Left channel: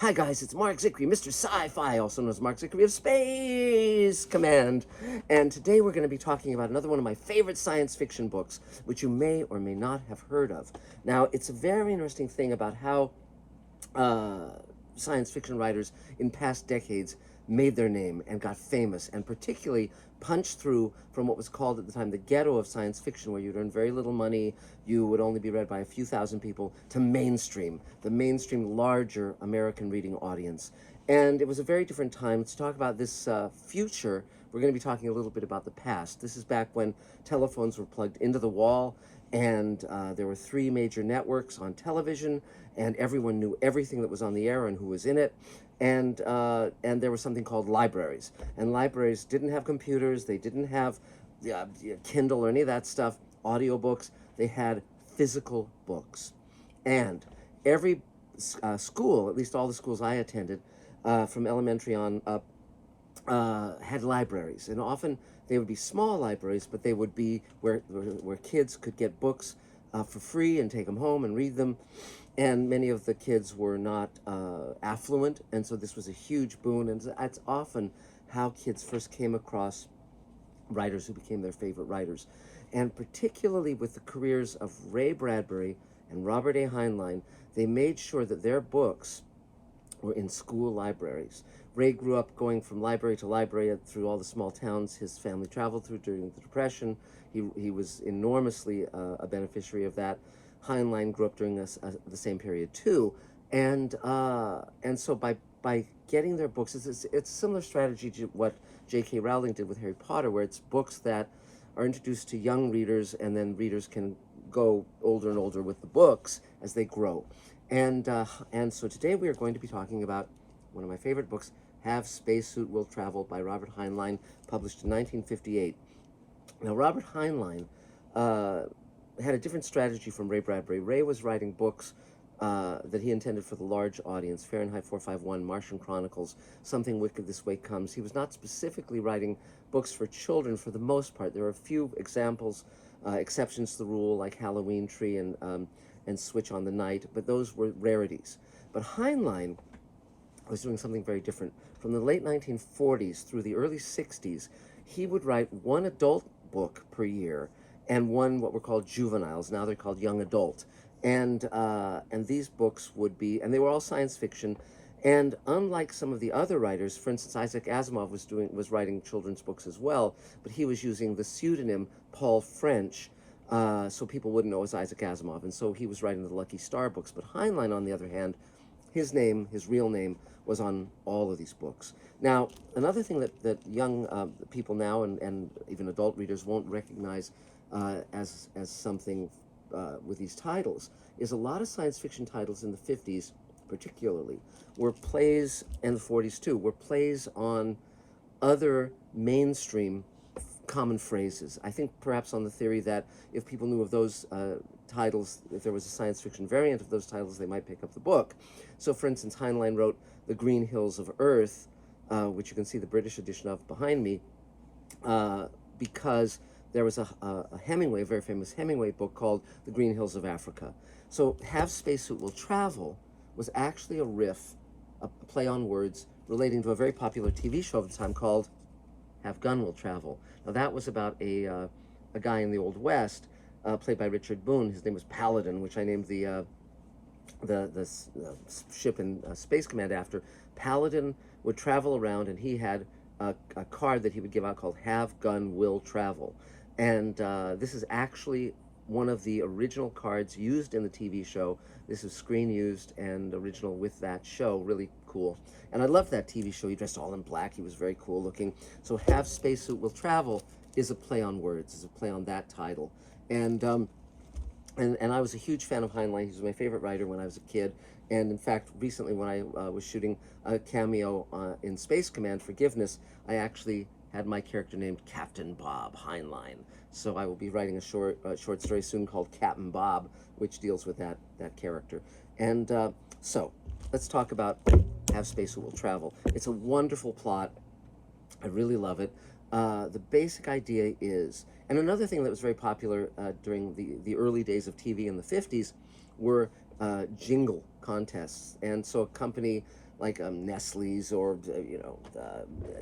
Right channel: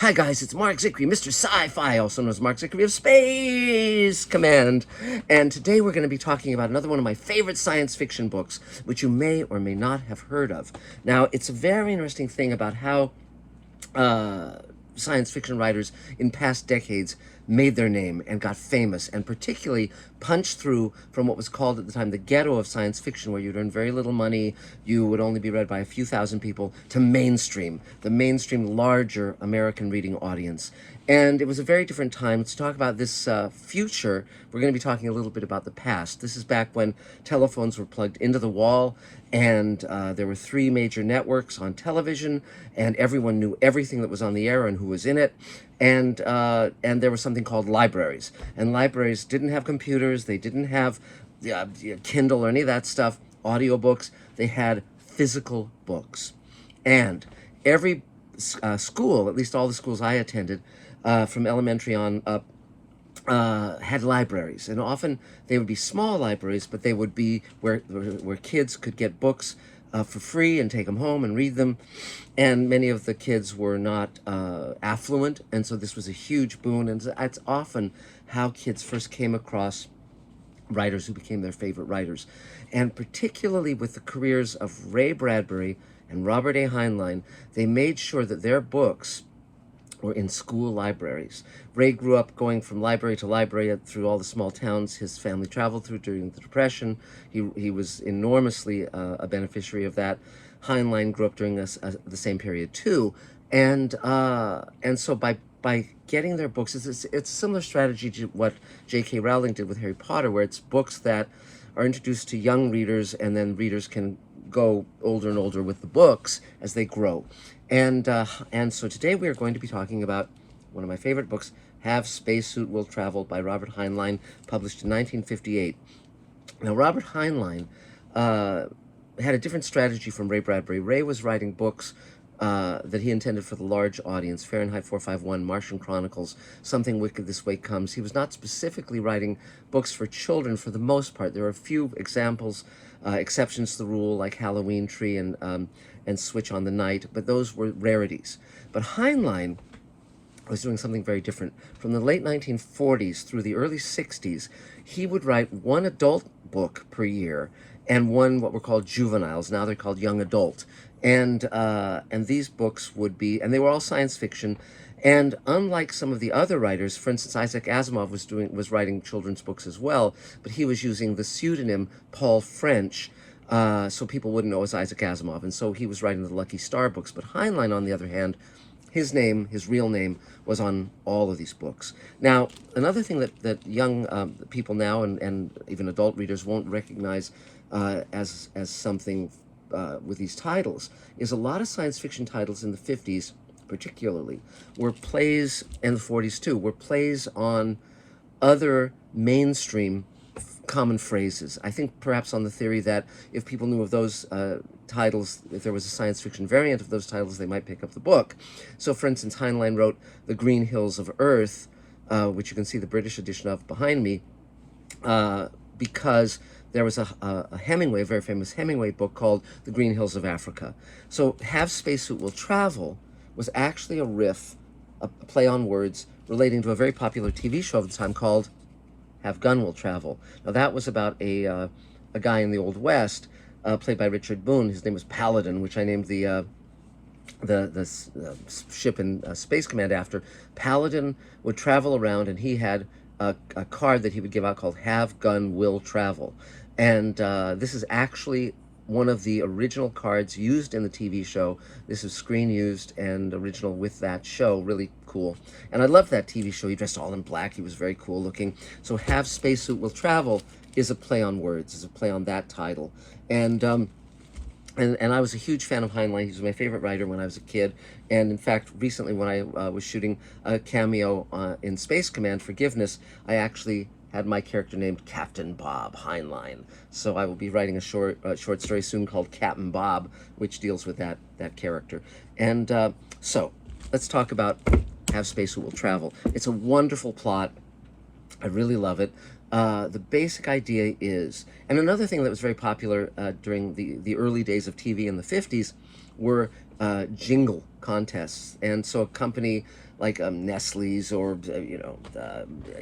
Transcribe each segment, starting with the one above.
Hi guys, it's Mark Zickery, Mr. Sci-Fi, also known as Mark Zickery of Space Command. And today we're going to be talking about another one of my favorite science fiction books, which you may or may not have heard of. Now, it's a very interesting thing about how uh, science fiction writers in past decades made their name and got famous, and particularly punched through from what was called at the time the ghetto of science fiction, where you'd earn very little money, you would only be read by a few thousand people, to mainstream, the mainstream larger American reading audience. And it was a very different time. Let's talk about this future. We're going to be talking a little bit about the past. This is back when telephones were plugged into the wall, and there were three major networks on television, and everyone knew everything that was on the air and who was in it. And there was something called libraries, and libraries didn't have computers. They didn't have Kindle or any of that stuff. Audiobooks. They had physical books, and every school, at least all the schools I attended, from elementary on up, had libraries, and often they would be small libraries, but they would be where kids could get books for free and take them home and read them. And many of the kids were not affluent, and so this was a huge boon. And it's often how kids first came across writers who became their favorite writers. And particularly with the careers of Ray Bradbury and Robert A. Heinlein, they made sure that their books were in school libraries. Ray grew up going from library to library through all the small towns his family traveled through during the Depression. He was enormously a beneficiary of that. Heinlein grew up during the same period too, and so by getting their books, it's a similar strategy to what J.K. Rowling did with Harry Potter, where it's books that are introduced to young readers, and then readers can go older and older with the books as they grow. And so today we are going to be talking about one of my favorite books, Have Spacesuit Will Travel by Robert Heinlein, published in 1958. Now, Robert Heinlein uh, had a different strategy from Ray Bradbury. Ray was writing books that he intended for the large audience: Fahrenheit 451, Martian Chronicles, Something Wicked This Way Comes. He was not specifically writing books for children for the most part. There are a few examples, exceptions to the rule, like Halloween Tree and Switch on the Night, but those were rarities. But Heinlein was doing something very different. From the late 1940s through the early 60s, he would write one adult book per year and one what were called juveniles. Now they're called young adult. And these books would be, and they were all science fiction. And unlike some of the other writers, for instance, Isaac Asimov was writing children's books as well, but he was using the pseudonym Paul French, so people wouldn't know it was Isaac Asimov, and so he was writing the Lucky Star books. But Heinlein, on the other hand, his name, his real name, was on all of these books. Now, another thing that young people now, and even adult readers, won't recognize as something with these titles is a lot of science fiction titles in the 50s, particularly, were plays, and the 40s too, were plays on other mainstream common phrases. I think perhaps on the theory that if people knew of those titles, if there was a science fiction variant of those titles, they might pick up the book. So, for instance, Heinlein wrote The Green Hills of Earth, which you can see the British edition of behind me, because there was a Hemingway, a very famous Hemingway book called The Green Hills of Africa. So, Have Spacesuit Will Travel was actually a riff, a play on words, relating to a very popular TV show at the time called Have Gun Will Travel. Now, that was about a guy in the Old West, played by Richard Boone. His name was Paladin, which I named the ship in Space Command after. Paladin would travel around, and he had a card that he would give out called Have Gun Will Travel. And this is actually one of the original cards used in the TV show. This is screen used and original with that show. Really cool. And I loved that TV show. He dressed all in black. He was very cool looking. So Have Spacesuit Will Travel is a play on words, is a play on that title. And I was a huge fan of Heinlein. He was my favorite writer when I was a kid. And in fact, recently when I was shooting a cameo in Space Command Forgiveness, I actually had my character named Captain Bob Heinlein. So I will be writing a short story soon called Captain Bob, which deals with that character. And so let's talk about Have Space Will Travel. It's a wonderful plot. I really love it. The basic idea is, and another thing that was very popular during the early days of TV in the 50s were jingle contests. And so a company like Nestle's or,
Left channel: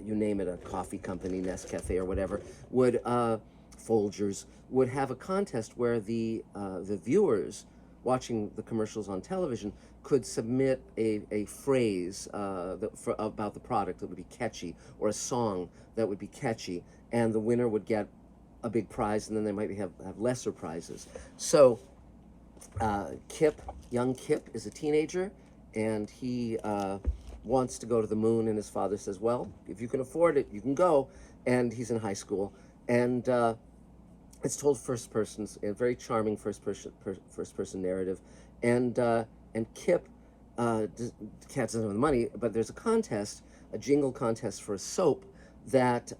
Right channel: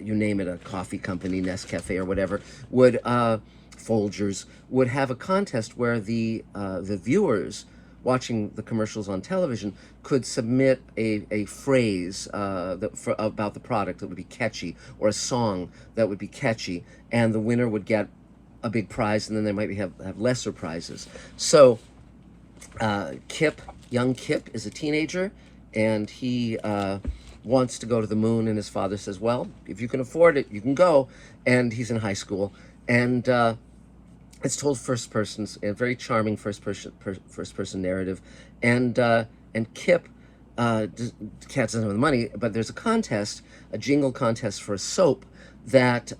you name it, a coffee company, Nescafe or whatever, would, Folgers, would have a contest where the viewers watching the commercials on television could submit a phrase about the product that would be catchy, or a song that would be catchy, and the winner would get a big prize, and then they might have lesser prizes. So young Kip is a teenager, and he wants to go to the moon, and his father says, well, if you can afford it, you can go. And he's in high school, and it's told first person, a very charming first person narrative, and Kip doesn't have the money, but there's a jingle contest for a soap that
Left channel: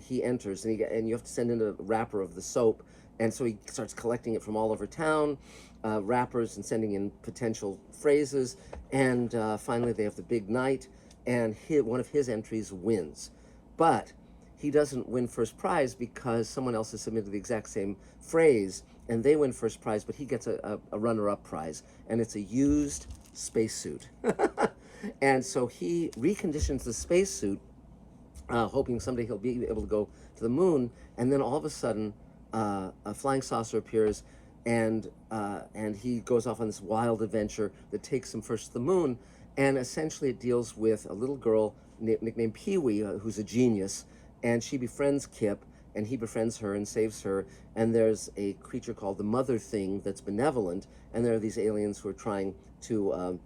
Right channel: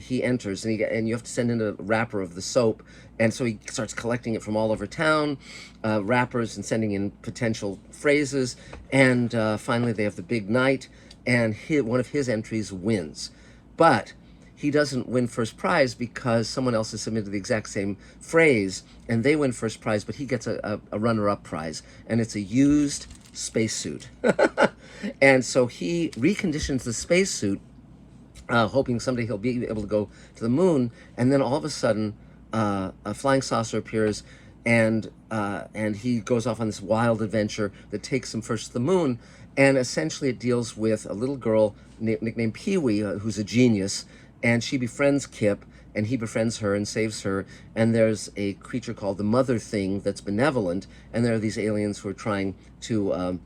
he enters, and you have to send in a wrapper of the soap, and so he starts collecting it from all over town, wrappers, and sending in potential phrases, and finally they have the big night, and one of his entries wins, but he doesn't win first prize because someone else has submitted the exact same phrase, and they win first prize, but he gets a runner-up prize, and it's a used spacesuit. And so he reconditions the spacesuit, hoping someday he'll be able to go to the moon, and then all of a sudden, a flying saucer appears, and he goes off on this wild adventure that takes him first to the moon, and essentially it deals with a little girl nicknamed Pee-wee, who's a genius, and she befriends Kip, and he befriends her and saves her, and there's a creature called the Mother Thing that's benevolent, and there are these aliens who are trying to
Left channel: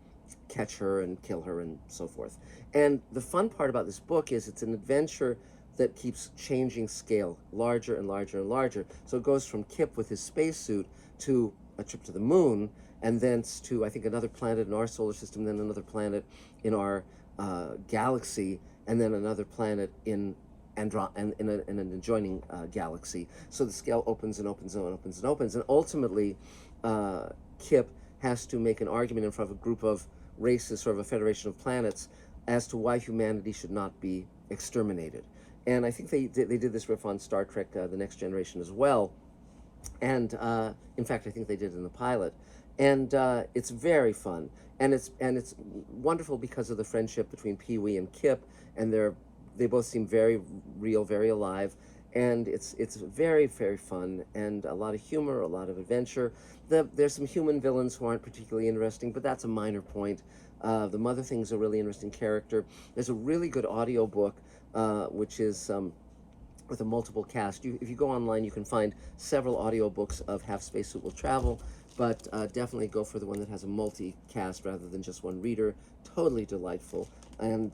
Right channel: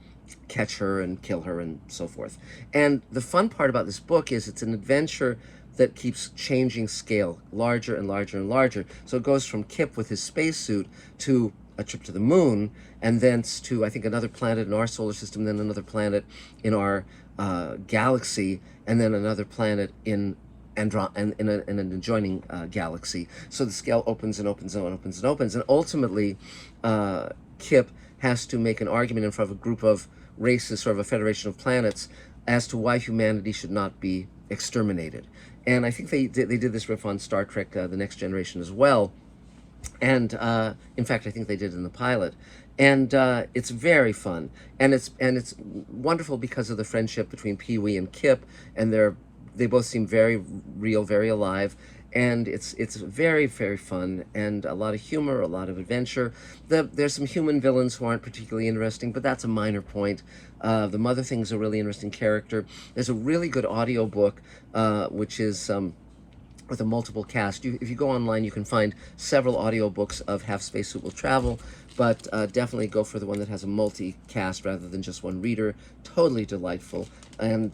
catch her and kill her and so forth. And the fun part about this book is it's an adventure that keeps changing scale, larger and larger and larger. So it goes from Kip with his spacesuit to a trip to the moon, and thence to, I think, another planet in our solar system, then another planet in our galaxy, and then another planet in in an adjoining galaxy. So the scale opens and opens and opens and opens, and ultimately Kip has to make an argument in front of a group of races, sort of a federation of planets, as to why humanity should not be exterminated. And I think they did this riff on Star Trek: The Next Generation as well. And in fact, I think they did in the pilot. And it's very fun, and it's wonderful because of the friendship between Pee-wee and Kip, and they both seem very real, very alive, and it's very, very fun, and a lot of humor, a lot of adventure. There's some human villains who aren't particularly interesting, but that's a minor point. The Mother Thing's a really interesting character. There's a really good audio book, which is with a multiple cast. If you go online, you can find several audiobooks of Half Spacesuit Will Travel, but definitely go for the one that has a multi-cast rather than just one reader. Totally delightful and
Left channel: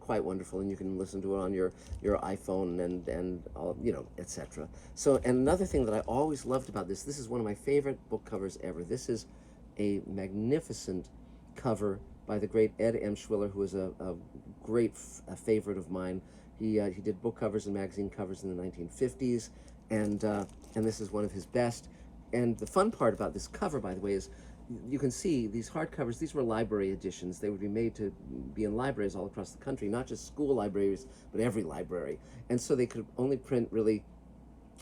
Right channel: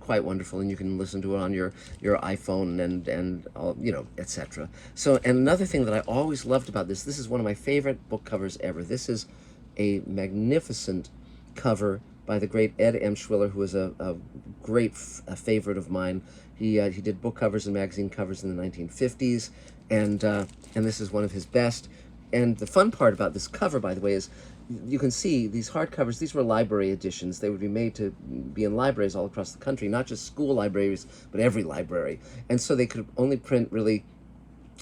quite wonderful, and you can listen to it on your iPhone and all, etc. So, and another thing that I always loved about this is one of my favorite book covers ever. This is a magnificent cover by the great Ed Emshwiller, who was a great favorite of mine. He did book covers and magazine covers in the 1950s, and this is one of his best. And the fun part about this cover, by the way, is you can see these hardcovers. These were library editions. They would be made to be in libraries all across the country, not just school libraries, but every library. And so they could only print really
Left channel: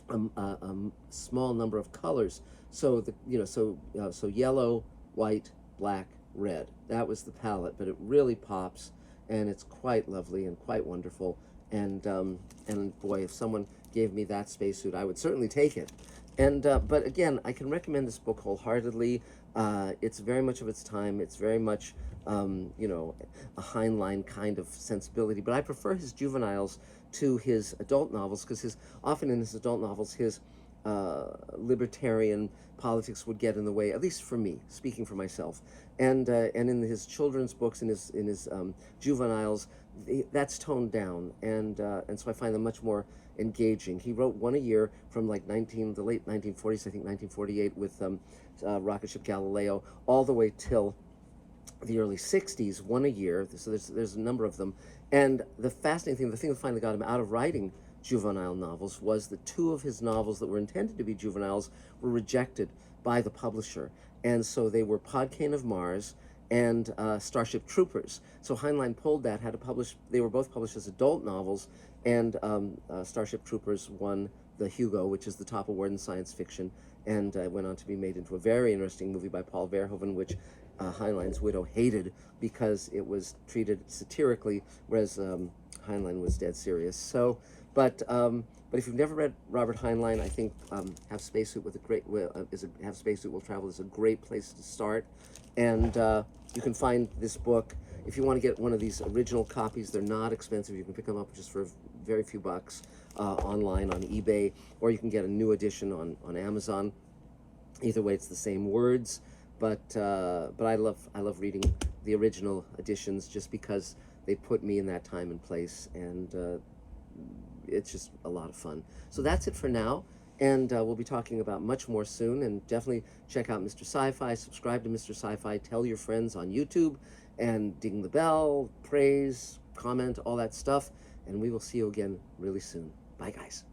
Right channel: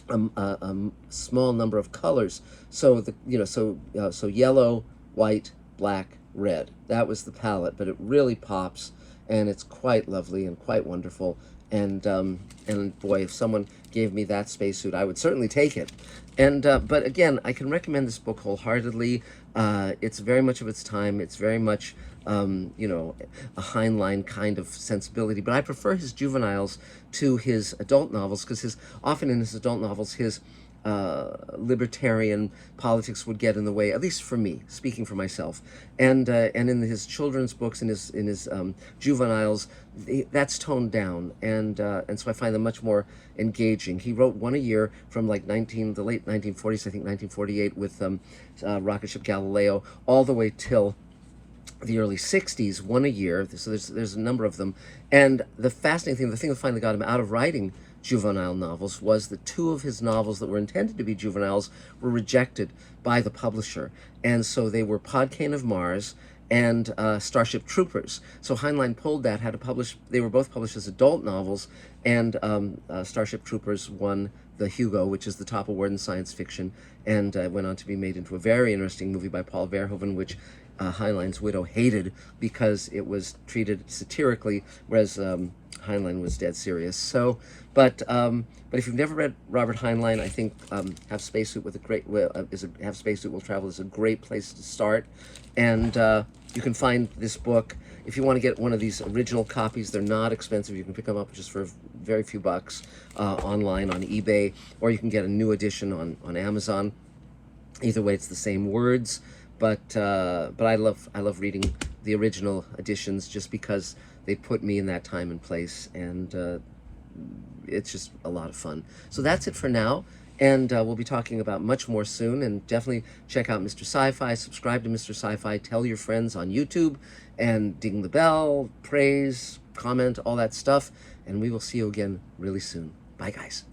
a small number of colors. So so yellow, white, black, red. That was the palette, but it really pops, and it's quite lovely and quite wonderful. And boy, if someone gave me that spacesuit, I would certainly take it. And but again, I can recommend this book wholeheartedly. It's very much of its time. It's very much a Heinlein kind of sensibility. But I prefer his juveniles to his adult novels, because often in his adult novels, his libertarian politics would get in the way, at least for me, speaking for myself. And in his children's books, in his juveniles, that's toned down, and so I find them much more engaging. He wrote one a year from like the late 1940s, I think 1948, with rocket ship Galileo, all the way till the early 60s, one a year. So there's a number of them. And the fascinating thing, the thing that finally got him out of writing juvenile novels, was that two of his novels that were intended to be juveniles were rejected by the publisher. And so they were Podkayne of Mars and Starship Troopers. So Heinlein pulled that, they were both published as adult novels, and Starship Troopers won the Hugo, which is the top award in science fiction, and went on to be made into a very interesting movie by Paul Verhoeven, which Heinlein's widow hated because it was treated satirically, whereas Heinlein was dead serious. So, but if you've never read Robert Heinlein, I think Have Spacesuit with a great Have Spacesuit Will Travel is a great place to start, and you can find this book if you want to get one of these original copies. They're not expensive. You can pick them up just for very few bucks online on eBay, or you can get a new edition on Amazon. Either way, it's the same words, but I love reading the original editions just because they put me in that time and place, and it's just a lot of fun. So that's it for now, and we'll be talking about much more soon, and definitely check out Mr. Sci-Fi, subscribe to Mr. Sci-Fi, tell your friends on YouTube, and ding the bell, praise, comment, all that stuff, and we will see you again really soon. Bye, guys.